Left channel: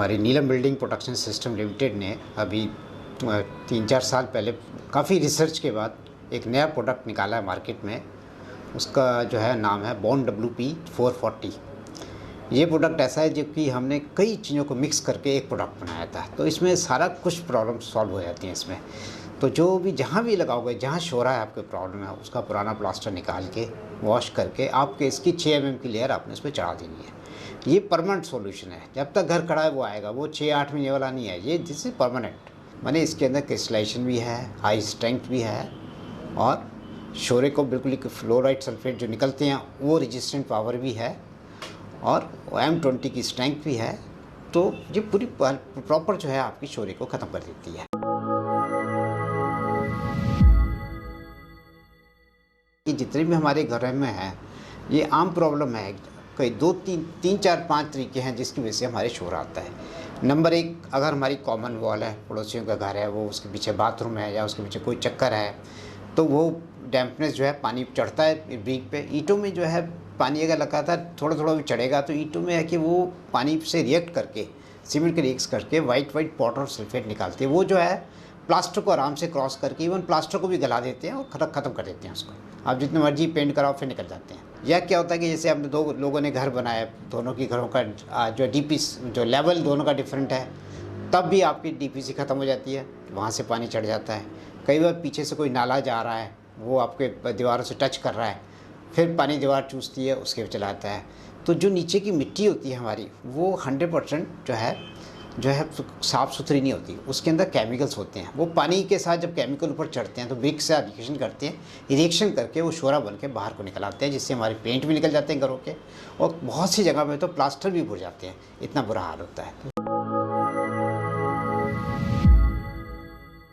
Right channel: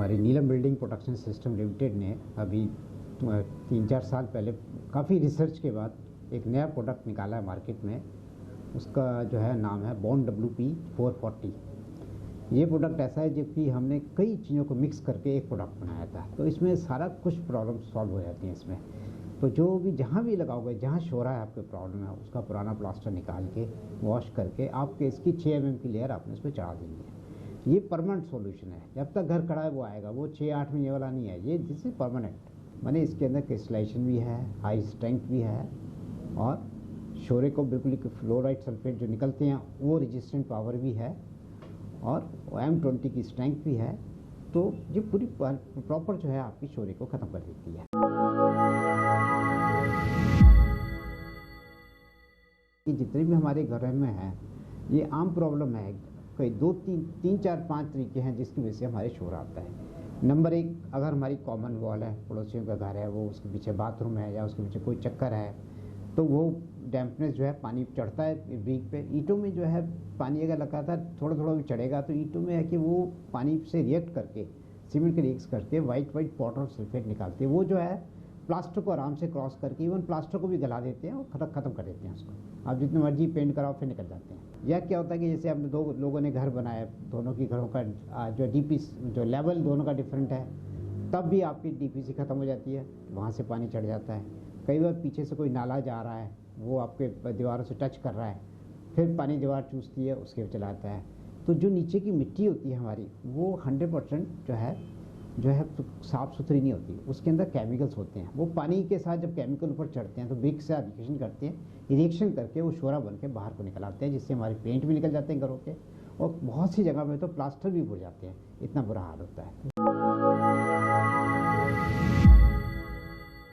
हमारी नीलम building protection system limited ने अभी 3-4 साल पहले काफ़ी रिसर्च के बाद एक नया प्रोडक्ट निकाला है मार्केट में। उसका जो है नाम है बॉन्ड WP440। ये प्रोडक्ट ऐसा है जो कि हमने कई चीज़ों को मिक्स करके एक प्रोडक्ट बनाया था। तो इसमें सारा कुछ प्रॉब्लम सॉल्व हो जाती हैं इसमें। तो जो भी जहाँ भी लगाओगे, जहाँ शोरा है आपके प्रॉब्लम है, उसका पुराना प्लास्टर निकाल के वॉश करके आपके इसकी 6 mm की लेयर आपने इस पर चढ़ा देनी है। ये परमानेंट सॉल्यूशन है। जब तक घर खड़ा है वो आएगा, वो 6-8 महीने वाला नहीं है। ये दिस इज परमानेंट, माने इसके अंदर क्रिस्टलाइजेशन भी है, हाई स्ट्रेंथ भी है और शोरे को बिल्कुल फ्लोराइड सल्फेट जो निकलते हैं वो रेजिस्टेंट पावर भी है और M20 की स्ट्रेंथ भी है। तो ये पूरी प्रॉपर जो है आपकी शोरे को ख़त्म कर देती है। कि जितने भी हमारे घर में हैं ये आम प्रॉब्लम है। कई 2-3-4-5 तरीके हैं जिसकी वजह से हमारे शोर आता है। नंबर 1, अगर हमारी कॉमन वॉल है, पड़ोसियों का घर है, वो उसके पीछे बाथरूम है या उसके पीछे कोई चक्कर है, तो वो डैम्पनेस जो है पानी चढ़ता है ब्रिक पे। ईंटों में जो है पानी अगर लगातार थोड़ा थोड़ा भी चढ़ेगा तो ईंटों में है कि वो पानी से रिएक्ट करके, सीमेंट के रिएक्ट करके वाइट पाउडर और सल्फेट निकालती है। वो जो है प्लास्टर को आराम से क्रॉस करके इवन प्लास्टर को भी गला देते हैं और ख़त्म कर देते हैं उसको। आप जितने मर्जी पेंट कराओ फिर निकल जाते हैं। या क्या होता है कि जैसे हमने 2 लोगों ने घर बनाया, दोनों की घरों का जो डीपी जो लेवल दोनों का डिफरेंट है, तब भी आपकी DPC ख़त्म हो जाती है, वहाँ से पानी चढ़ जाता है। कई बार पीछे से कोई नाला जा रहा है, वो आपके दीवारों से टच कर रहा है, फिर पानी दीवार चूसती है, उसके चला आता है। तो जो नीचे की मिट्टी होती है हमारी, वो 100% जो है साफ़ सुथरी नहीं होती। उसके अंदर केमिकल्स होते हैं। वो पानी के साथ जब केमिकल ऊपर चढ़ते हैं तो ब्रिक से रिएक्शन करते हैं, रिएक्शन करके वो शोरा बन के बाहर को निकल आते हैं, जिससे हमारे पेंट भी निकल जाते हैं घरों के और बहुत सी जगह पे तो प्लास्टर भी बुर जाते हैं। इतना बुरा हाल होता है।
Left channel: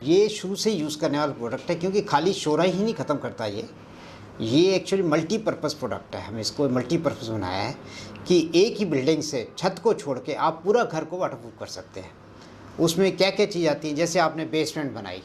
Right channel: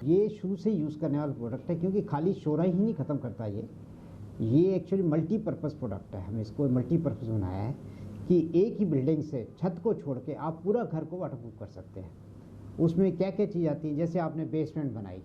ये शुरू से यूज़ करने वाला प्रोडक्ट है क्योंकि खाली शोरा ही नहीं ख़त्म करता ये एक्चुअली मल्टीपर्पज़ प्रोडक्ट है। हमने इसको मल्टीपर्पज़ बनाया है कि एक ही बिल्डिंग से छत को छोड़ के आप पूरा घर को वाटरप्रूफ कर सकते हैं। उसमें क्या क्या चीज़ आती है, जैसे आपने बेसमेंट बनाई,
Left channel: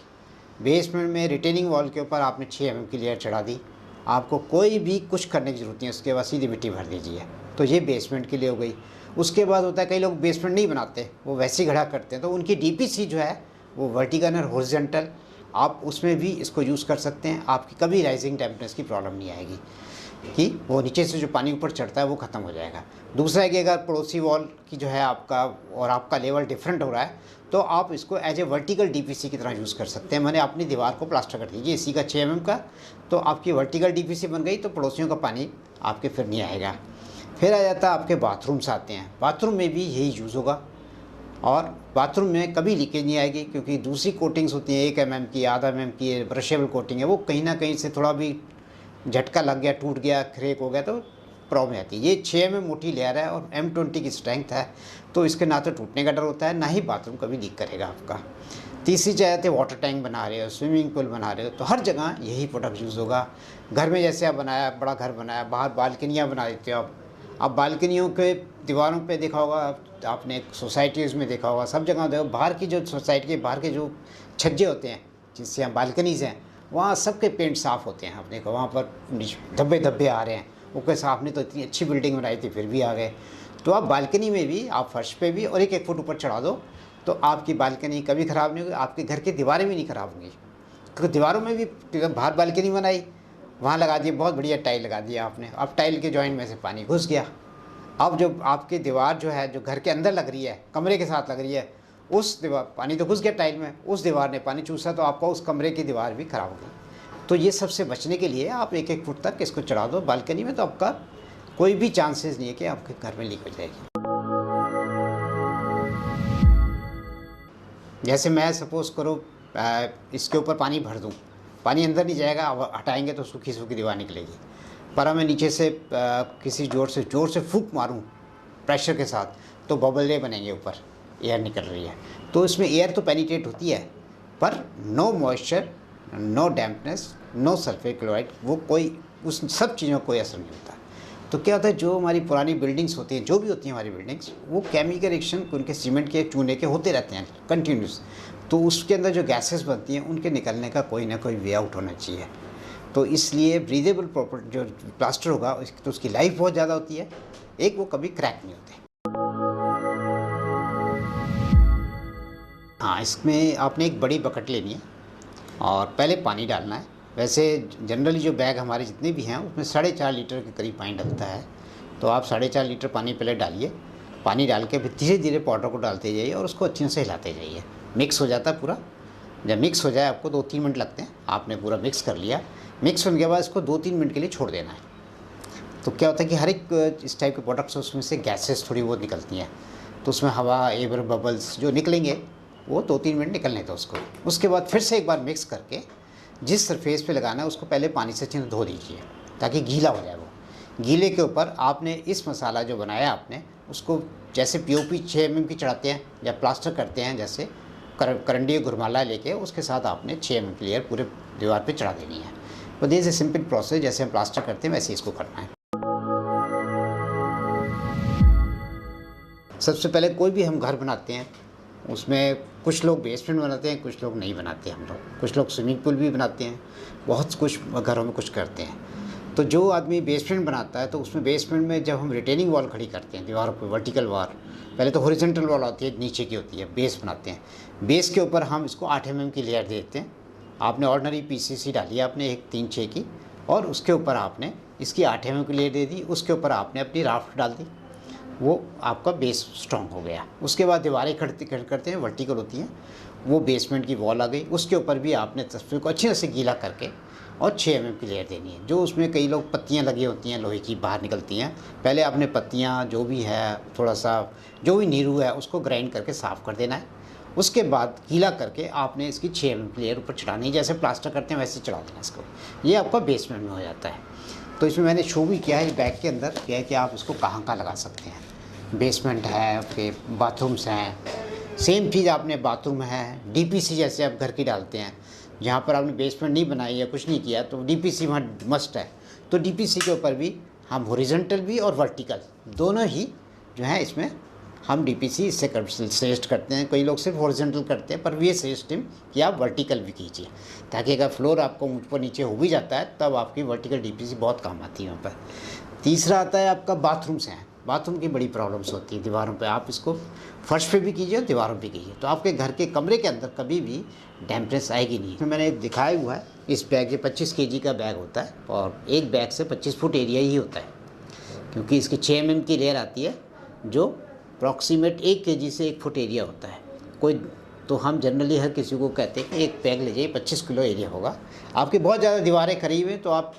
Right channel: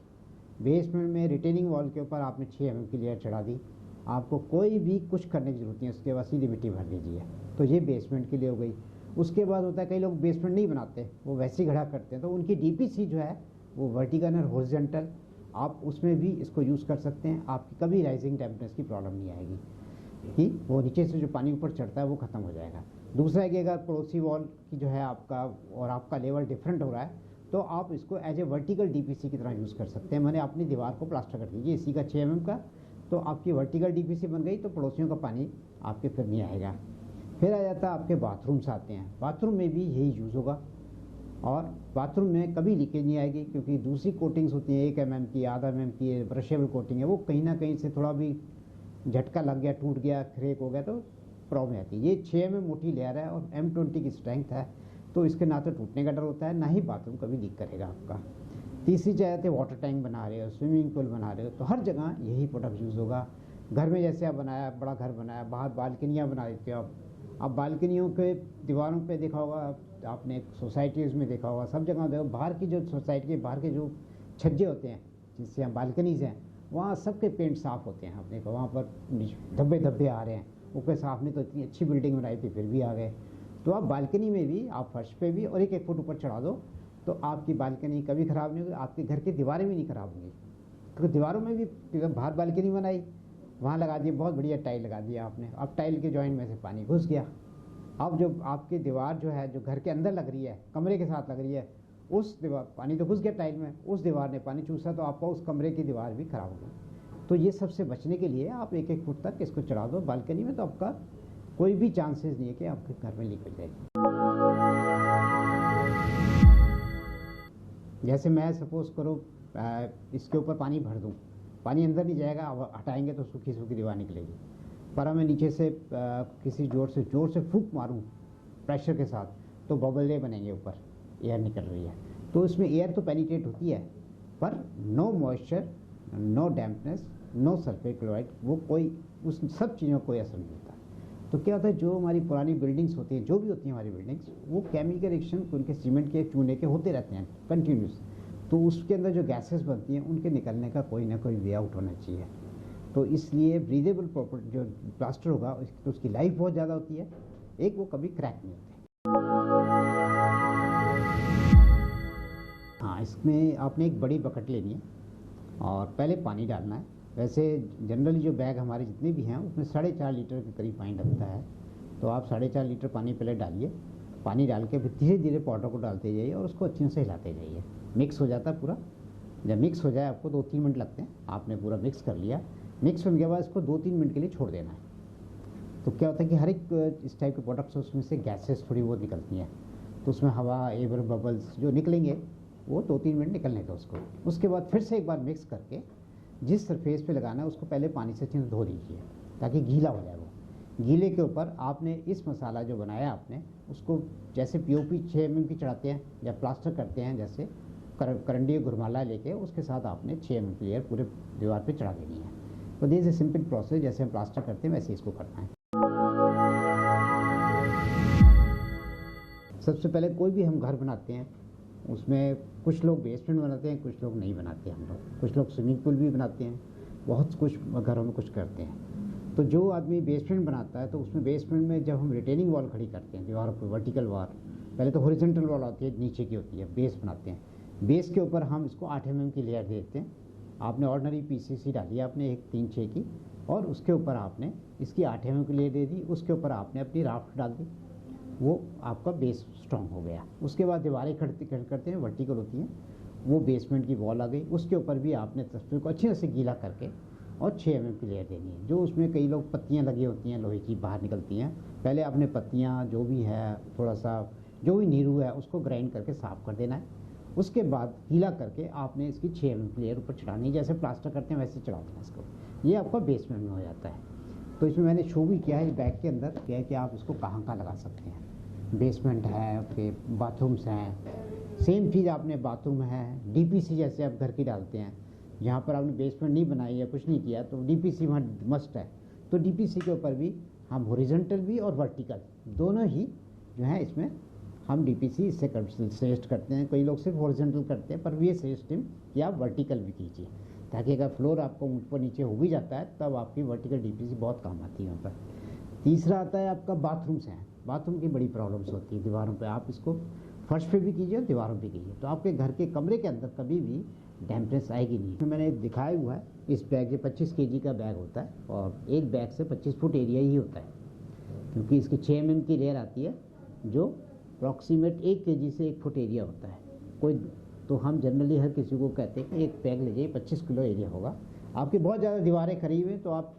बेसमेंट में रिटेनिंग वॉल के ऊपर आपने 6 mm की लेयर चढ़ा दी, आपको कोई भी कुछ करने की ज़रूरत नहीं है, उसके बाद सीधी मिट्टी भर दीजिए। तो ये बेसमेंट के लिए हो गई। उसके बाद होता है कई लोग बेसमेंट नहीं बनाते, वो वैसे ही खड़ा करते हैं, तो उनकी DPC जो है वो वर्टिकल और हॉरिजॉन्टल, आप उसमें भी इसको यूज़ कर सकते हैं। आपकी कभी राइजिंग टेम्परेचर की प्रॉब्लम नहीं आएगी कि वो नीचे से जो पानी ऊपर चढ़ता है वो ख़त्म हो जाएगा। दूसरा है कि अगर पड़ोसी वॉल की जो है आपका और आपका लेवल डिफरेंट हो रहा है तो आप इसको एज ए वर्टिकल DPC की तरह यूज़ कर सकते हैं। मैंने अपनी दीवार को प्लास्टर कर दीजिए इसी का 6 mm का, तो आपकी वर्टिकल DPC बन गई, तो पड़ोसियों का पानी आपके फिर नहीं आएगा। फिर आ जाता है आपके बाथरूम्स आते हैं। बाथरूम में भी यही यूज़ होगा और बाथरूम में कभी लीकेज नहीं आएगी क्योंकि दूसरी कोटिंग्स होती हैं 1 mm की, आधा mm की ब्रशेबल कोटिंग है, वो कहीं ना कहीं से थोड़ा भी झटका लग गया, टूट गया, क्रैक हो गया तो प्रॉब्लम आती है। ये 6 mm मोटी लेयर है और M20 की स्ट्रेंथ है, तो इसके ना तो टूटने का डर होता है, ना ही बाथरूम कभी लीक करेगा आपका। तीसरी चाहते वाटर टैंक बना रहे हो, स्विमिंग पूल बना रहे हो, तो हर जगह यही प्रोडक्ट यूज़ होगा। घर में जैसे आप बनाया, बड़ा घर बनाया, बाहर बालकनियाँ बना देते हो आप बालकनियों के दीवारों पे देखा होगा आपने, सोसाइटीज़ में देखा होगा, सब जगह देखो, बाहर की जो सोसाइटी के बाहर के जो छज्जे होते हैं जिससे हम बालकनीज़ हैं, वहाँ सबके पेंट साफ़ होते हैं। आपने कहा वहाँ पर धब्बे आ रहे हैं, वो कैसे आपने तो इतनी अच्छी बिल्डिंग बनाई थी फिर भी आ गए। तो आप बालकनी में भी, आप फर्श पे भी और 1-1 फुट ऊपर चढ़ा दो तो आपकी बालकनी कभी ख़राब नहीं होगी, आपके घर की दीवारें भी नहीं ख़राब होंगी। क्योंकि दीवारों में भी बाहर बालकनी बनाई, वहाँ लगा दिए, बहुत बढ़िया टाइल लगा दिया आपने, अब टाइल के जॉइंट में से पानी घुस गया। अब जो आपकी दीवार जो है, जो घर के अंदर लग रही है, कमरे के साथ लग रही है, उस दीवार पानी तो घुस गया टाइल में, उस दीवार ने पानी चूसा तो आपका उस कमरे की दीवार भी ख़राब हो गई। तो ये सबसे बचने के लिए आप 1-1 फुट तक इसको चढ़ा दो बालकनी में, तो आपका कोई भी चांसेस नहीं है कि आपके घर में लीक हो जाएगी। जैसे मैं सपोज़ करो इसके ऊपर पानी भर दूँ, पानी अंदर नहीं जाएगा, अब हटाएंगे तो सूखी सूखी दीवार निकलेगी। पर मैं नीचे से किसी ज़ोर से फूंक मारूं प्रेशर के साथ तो बबल बनेंगे, ऊपर एयर निकल रही है। तो इसमें एयर तो पेनिट्रेट होती है पर no moisture, no dampness, no sulphate chloride, वो कोई उस सब चीज़ों को कोई असर नहीं होता। तो क्या होता है, जो हमारी पुरानी बिल्डिंग्स होती हैं, जो भी होती हैं हमारी बिल्डिंग्स, वो केमिकल रिएक्शन उनके सीमेंट के, चूने के होते रहते हैं कंटिन्यूस। तो उसके अंदर जो गैसेस बनती हैं उनके निकलने का कोई ना कोई वे आउट होना चाहिए। तो इसलिए ब्रीदेबल प्रॉपर जो प्लास्टर होगा तो उसकी लाइफ बहुत ज़्यादा होती है, एक वो कभी क्रैक नहीं होते। हाँ, इसमें आपने एक बड़ी बकेट लेनी है और पहले पानी डालना है। वैसे जनरली जो बैग हमारे जितने भी हैं उसमें 4.5 लीटर के करीब पानी डलता है। तो आप 4.5 लीटर पानी पहले डालिए। पानी डाल के फिर धीरे-धीरे पाउडर को डालते जाइए और उसको अच्छे से हिलाते जाइए। मिक्स हो जाता है पूरा। जब मिक्स हो जाए, आपको 2-3 मिनट लगते हैं। आपने पूरा मिक्स कर लिया। मिक्स होने के बाद इसको 2-3 मिनट के लिए छोड़ देना है। तो क्या होता है कि हर एक इस टाइप के प्रोडक्ट्स उसमें से गैसेस थोड़ी बहुत निकलती हैं, तो उसमें हवा, एयर बबल्स जो निकलेंगे वो 2-3 मिनट निकलने दो उसको। उसके बाद फिर से एक बार मिक्स करके जिस सरफेस पे लगाना है उसको पहले पानी से अच्छे से धो दीजिए ताकि गीला हो जाए वो। गीले के ऊपर आपने इस मसाला जो बनाया आपने उसको जैसे पीओपी 6 mm की चढ़ाते हैं या प्लास्टर करते हैं, जैसे करंडी घुरमाला लेके उसके साथ आपने 6 mm की लेयर पूरे दीवार पे चढ़ा देनी है। तो दिस इज सिंपल प्रोसेस, जैसे हम प्लास्टर करते हैं वैसे इसको करना है। सबसे पहले कोई भी हम घर बनाते हैं उसमें कुछ लोग बेसमेंट बनाते हैं, कुछ लोग नहीं बनाते हम लोग। कुछ लोग स्विमिंग पूल भी बनाते हैं, बहुत कुछ घरों में कुछ करते हैं। तो जो आदमी बेसमेंट बनाता है तो उसमें बेसमेंट में जब हम रिटेनिंग वॉल खड़ी करते हैं दीवारों पर, वर्टिकल वॉल, पहले तो हॉरिजॉन्टल वॉल होती है, नीचे की होती है, बेस बनाते हैं। बेस के ऊपर हम इसको 8 mm की लेयर देते हैं। आपने ऑर्डनरी पीसीसी डाली है आपने एक 3-6 की, और उसके ऊपर आपने इसकी 8 mm की लेयर दे दी। उसके ऊपर आपने अपनी राफ्ट डाल दी, वो आपका बेस स्ट्रॉन्ग हो गया। उसके बाद दीवारें करते हैं, वर्टिकल होती हैं, वो बेसमेंट की वॉल आ गई। उसके ऊपर भी आपने तस्वीर को अच्छे से गीला करके और 6 mm की लेयर देनी है। जो उसमें कई लोग पत्तियां लगी होती हैं लोहे की बाहर निकलती हैं, पहले आपने पत्तियां जो भी है, थोड़ा सा जो भी नीरू है उसको ग्राइंड करके साफ़ कर देना है। उसके बाद गीला करके आपने इसकी 6 mm की लेयर ऊपर चढ़ानी है, जैसे प्लास्टर करते हैं वैसे चढ़ा देना इसको। ये आपका बेसमेंट में हो जाता है। तो इसमें मैंने शो भी किया है इस बैग के अंदर, क्या है कि आप इसको कहाँ कहाँ लगा सकते हैं। बेसमेंट है, फिर बाथरूम्स हैं। सेम चीज़ आपने बाथरूम है, डीपीसी जैसे आप घर की डालते हैं, जहाँ पर आपने बेसमेंट नहीं बनाई या कुछ नहीं किया तो डीपीसी वहाँ मस्ट है। तो डीपीसी के ऊपर भी हम हॉरिजॉन्टल भी और वर्टिकल दोनों ही जो है इसमें हम डीपीसी इससे सजेस्ट करते हैं। कई लोग सिर्फ हॉरिजॉन्टल करते हैं, पर ये सजेस्ट कि आप वर्टिकल भी कीजिए, ताकि अगर फ्लोर आपको ऊपर नीचे हो भी जाता है तब आपकी वर्टिकल डीपीसी बहुत काम आती है वहाँ पर। तीसरा आता है आपका बाथरूम्स हैं। बाथरूम की बड़ी प्रॉब्लम्स होती है दीवारों पे, आप इसको फर्श पे भी कीजिए और दीवारों पे कीजिए, तो आपके घर के कमरे के अंदर कभी भी डैम्पनेस आएगी नहीं। तो मैंने दिखाया हुआ है इस बैग, ये 25 kg का बैग होता है और एक बैग से 25 फुट एरिया ही होता है, क्योंकि इसकी 6 mm की लेयर आती है जो अप्रॉक्सीमेट 1 kg से 1 फुट एरिया होता है। कोई तो हम जनरली हर किसी को कहते हैं कि एक बैग ले जाइए, 25 किलो एरिया होगा। आपकी बहुत ज़्यादा दीवारें करीब हैं तो आप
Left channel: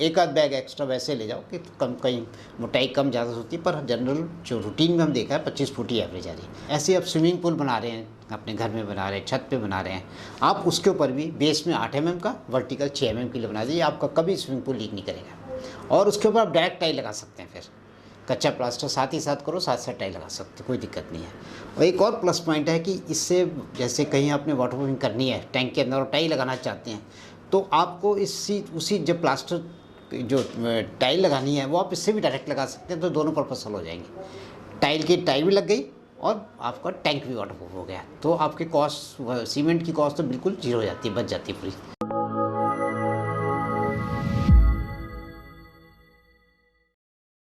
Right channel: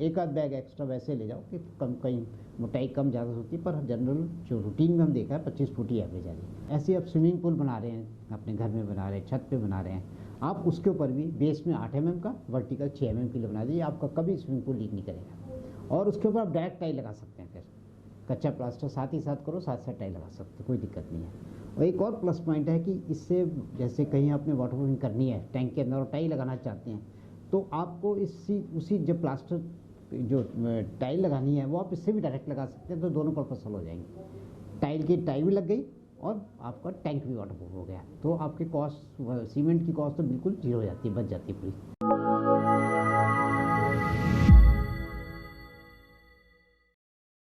एक आध बैग एक्स्ट्रा वैसे ले जाओ कि कम, कहीं मोटाई कम ज़्यादा होती है, पर जनरल जो रूटीन में हम देखा है 25 फुट ही एवरेज आ रही है। ऐसे आप स्विमिंग पूल बना रहे हैं, अपने घर में बना रहे हैं, छत पे बना रहे हैं, आप उसके ऊपर भी बेस में 8 mm का, वर्टिकल 6 mm की बना दीजिए, आपका कभी स्विमिंग पूल लीक नहीं करेगा। और उसके ऊपर आप डायरेक्ट टाइल लगा सकते हैं, फिर कच्चा प्लास्टर साथ ही साथ करो, साथ साथ टाइल लगा सकते, कोई दिक्कत नहीं है। और एक और प्लस पॉइंट है कि इससे जैसे कहीं आपने वाटर प्रूफिंग करनी है टैंक के अंदर और टाइल लगाना चाहते हैं, तो आपको उसी जब प्लास्टर जो टाइल लगानी है वो आप इससे भी डायरेक्ट लगा सकते हैं, तो दोनों पर्पस हल हो जाएंगे। टाइल भी लग गई और आपका टैंक भी वाटर प्रूफ हो गया, तो आपके कॉस्ट, सीमेंट की कॉस्ट तो बिल्कुल जीरो हो जाती है, बच जाती है पूरी।